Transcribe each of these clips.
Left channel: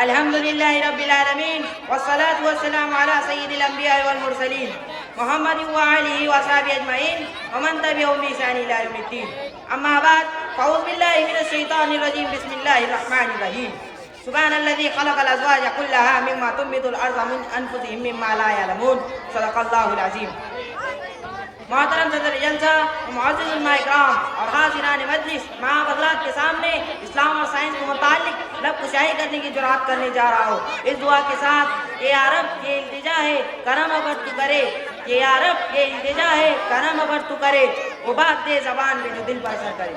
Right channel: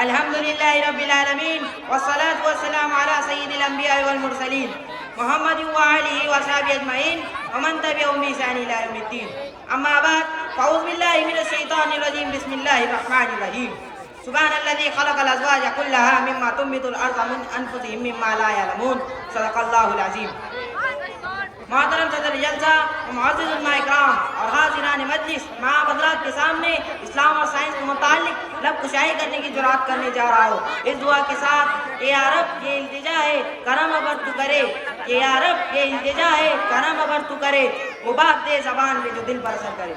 الحمدللہ رب العالمین والصلاة والسلام علی سید الانبیاء والمرسلین محمد وآلہ وصحبہ اجمعین ومن تبعہم بإحسان الی یوم الدین. اما بعد فاعوذ باللہ من الشیطان الرجیم. بسم اللہ الرحمن الرحیم. سبحان الذی خلق الازواج کلها مما تنبت الارض من انفسهم مما لا يعلمون. صدق اللہ العظیم. محترم صدر جلسہ، معزز علماء اکرام اور حاضران مجلس، میں آپ حضرات کے سامنے اسلام اور سائنس کے متعلق لب کشائی کرنے کی جرات کرنے جا رہا ہوں. اس دعا کے ساتھ اے عرب یہ التجا ہے کرم ابر تو کرے، اے عرب یہ التجا ہے کرم ابر تو کرے، وہ بات دے زبان میں جو دل پر اثر کرے.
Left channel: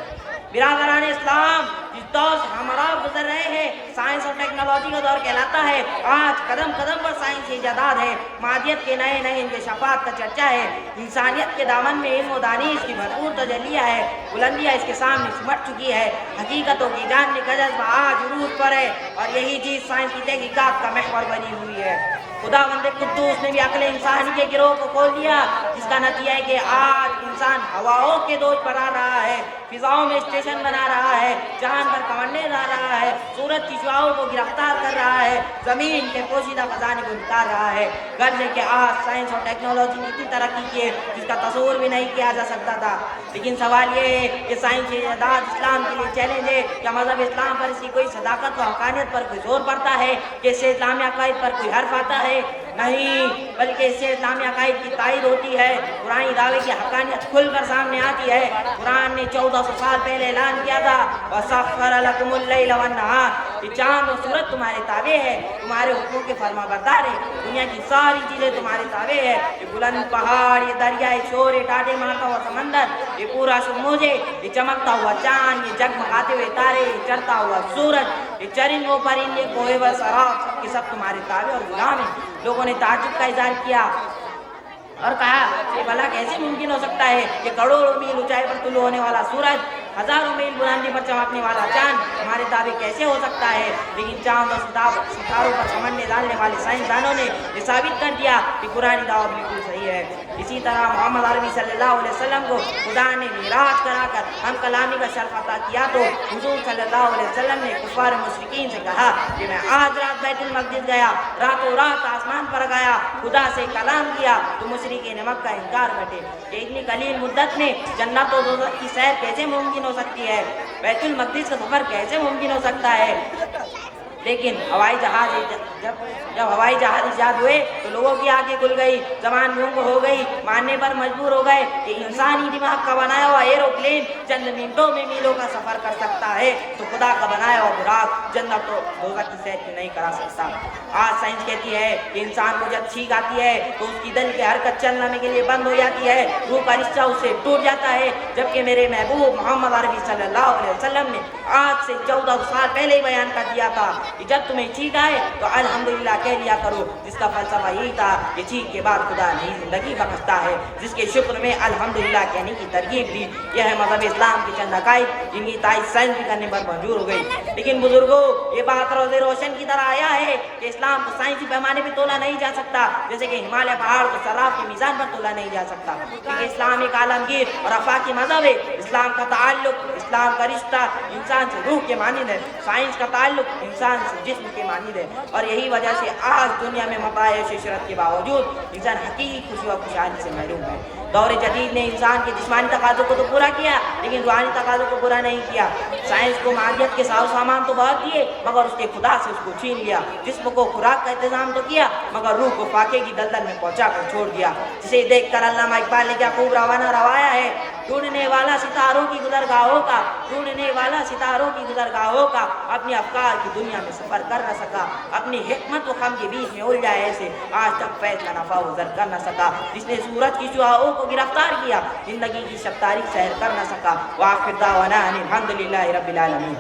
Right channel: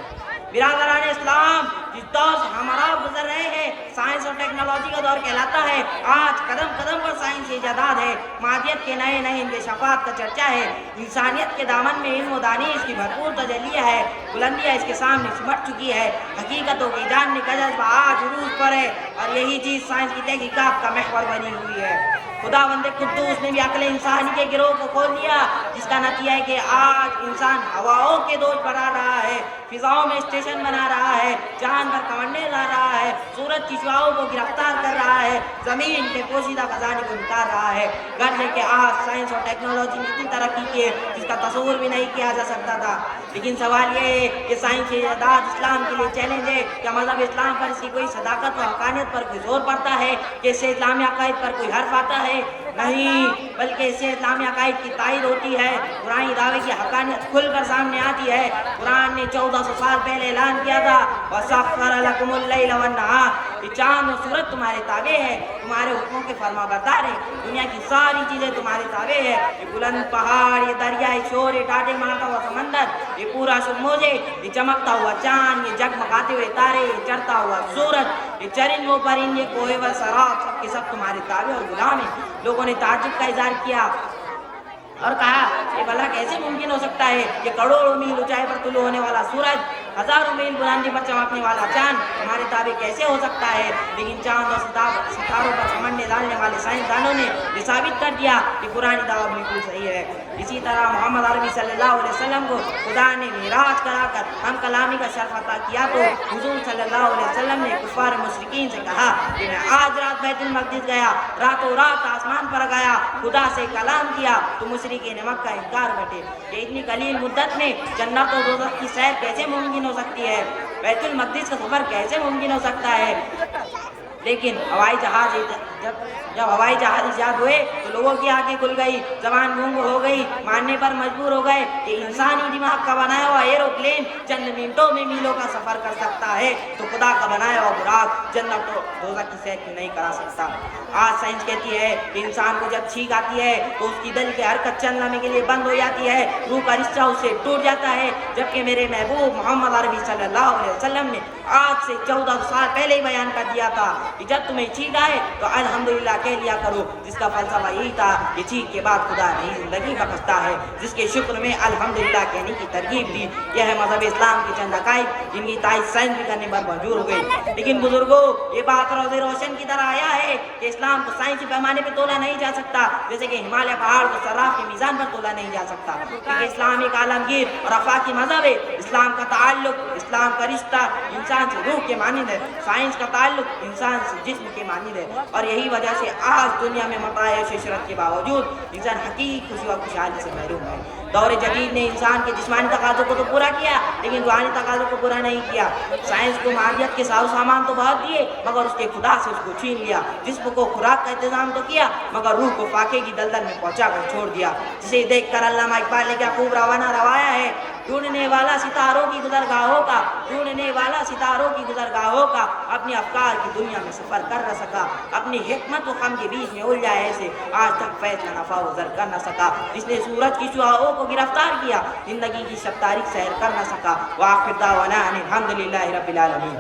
برادران اسلام، جس دور سے ہمارا گزر رہے ہیں سائنس اور ٹیکنالوجی کا دور کہلاتا ہے. آج قدم قدم پر سائنسی ایجادات ہے، مادیت کے نئے نئے انکشافات کا چرچا ہے. انسانیت کے دامن میں علم و دانش کی بھرپور تجلیہ ہے، بلندیاں اس کے سامنے سمٹ چکی ہے. حقیقتوں کی جاننے کا جذبہ آج عروج پر ہے اور یہی چیز سائنس کی تحقیقات کا محور بنی ہوئی ہے. خدا بند قدوس نے بھی عقل انسانی کے گروہ کو کھول دیا، جس کا نتیجہ ہے کہ آج انسان ہواؤں کے دوش پر آ رہا ہے، فضاؤں میں اسٹیشن بنا رہا ہے، چاند پر کمانڈے لا رہا ہے، سورج کی شعاعوں کو گرفتار کر رہا ہے، زمین کے پوشیدہ خزانے کو نکال رہا ہے. گرنے کے آج سائنس اور ٹیکنالوجی نے اتنی ترقی کی ہے جس کا تصور بھی نہیں کیا جا سکتا تھا. لیکن سوال یہ ہے کہ سائنسی ایجادات اسلام کے لیے چیلنج ہے. کیا مذہب اسلام پر اس کی کوئی صداقت و حقانیت پر کوئی زور پڑتا ہے کہ اس سے اسلامی عقائد پر کوئی حرف آتا ہے؟ نہیں، بلکہ اس سے اسلامی عقائد کی تائید ہوتی ہے. قرآنی دعوے کی حقانیت کھل کر سامنے آتی ہے. قرآن نے 1400 سال پہلے اعلان کیا تھا وَسَخَّرَ لَكُمُ اللَّيْلَ وَالنَّهَارَ، یہ چاند اور سورج تمہارے تابع ہے، تمہارے حکموں کے فرما بردار ہے. دنیا کی ساری چیزیں تمہارے تابع ہے. یہ بلند پہاڑ، یہ دریا، یہ شور، یہ ٹاٹے مارتا ہوا سمندر، یہ پورا موجے، یہ چمکتا ہوا چاند، یہ جگمگاتے ہوئے تارے، یہ چڑھتا ہوا سورج، یہ چرند و پرند، یہ کوہ و صحرا، یہ سب تمہارے تابع اور غلام ہیں. لوگوں نے تعجب کا اظہار کیا اور کہا کہ بھلا کیسے ممکن ہو سکتا ہے کہ کروڑوں میل اونچائی پر طلوع ہونے والا سورج، ہزاروں میل بلندی پر چمکنے والا چاند ہمارے تابع کیسے ہو سکتا ہے؟ لیکن چاند اور ستاروں پر سمجھنے جاننے والے سائنسدانوں نے یہ ثابت کر دیا کہ قرآن دعوت بالکل صحیح ہے. اسی طرح محمد عربی صلی اللہ علیہ وسلم کو خدا نے معراج کرا کر ہم کلامی کا شرف عطا کیا تو حضور صلی اللہ علیہ وسلم نے کفار و مشرکین سے کہا کہ میں آج رات بیت المقدس گیا، راتوں رات آسمان پر گیا، خدا سے کلام کیا تو مشرکین مکہ کا انکار بٹے کہ اتنی قلیل مدت میں جنت و دوزخ کی سیر کیسے ممکن ہو سکتی ہے، بیت المقدس کا سفر کیسے ممکن ہو سکتا ہے. لیکن جب ہوائی جہاز ایجاد ہوئے تو لوگوں کی آنکھیں کھل گئی، زبان گنگ ہو گئی، ماننے پر مجبور ہو گئے کہ انسانی دماغ کا بنایا ہوا ایروپلین چند منٹوں میں میلوں کا سفر کر سکتا ہے تو خدا کا بنایا ہوا براق جنت و دوزخ کی سیر کیوں نہیں کرا سکتا. آج سائنس کہتی ہے کہ انسان کو جب چھینک آتی ہے تو اس کی دل کی حرکت چند لمحے کے لیے بند ہو جاتی ہے، روح کا رشتہ اس سے ٹوٹ جاتا ہے. جبکہ میرے محبوب محمد عربی صلی اللہ علیہ وسلم نے آج سے 1400 سال پہلے ہی بیان کر دیا تھا کہ جب تمہیں چھینک آئے تو الحمدللہ کہہ لیا کرو، جس کا فلسفہ یہی تھا کہ چھینک کے بعد خدا نئی زندگی بخشتا ہے، جس کے شکر میں الحمدللہ کہنے کی ترغیب دی. یہ ہے مذہب اسلام کے چند عقائد جن کی تائید سائنس بھی کرنے پر مجبور ہو گئی. لیکن بزرگوں، یہ بات روز روشن کی طرح آیا ہے کہ اسلام کو سائنسی پیمانے پہ تولا نہیں جا سکتا، جیسے کہ ہمالیہ پہاڑ کو صراف کی میزان پر تولا نہیں جا سکتا. کیونکہ اسلام ایک عالمگیر اور آفاقی مذہب ہے. اسلام کا تعلق، اسلام کا رشتہ انسان سے روح کے مانند ہے، سائنس کا تعلق انسان سے جسم کے مانند ہے. اور یہی وجہ سے آج دنیا میں متاع عشرت کے باوجود انسان حقیقی خوشی و خوشحالی سے محروم ہے. دور جدید نے انسان کے جسمانی تقاضوں کو تو پورا کیا لیکن روحانی تقاضوں کو پورا نہیں کیا. سائنس کو مادیت کے ساز و سامان تو بہت دیے مگر اس کے خدا سے اس کو چھین لیا. جسم کو خوراک کا انتظام تو کیا مگر روح کو فاقے کی دلدل میں پہنچا کر چھوڑ دیا. جسے دیکھ کر علامہ اقبال نے کیا خوب روانہ روایا ہے، ڈھونڈنے والا ستاروں کی گزرگاہوں کا، ڈھونڈنے والا ستاروں کی گزرگاہوں کا، اپنے افکار کی دنیا میں سفر کر نہ سکا، اپنی حکمت و غم کے بیچ میں الجھا ایسے آج تک فیض کا نفع و زر کر نہ سکا. جس نے سورج کی شعاعوں کو گرفتار کیا زندگی کی شب تاریخ سیر کر نہ سکا. وآخر دعوانا ان الحمدللہ رب العالمین.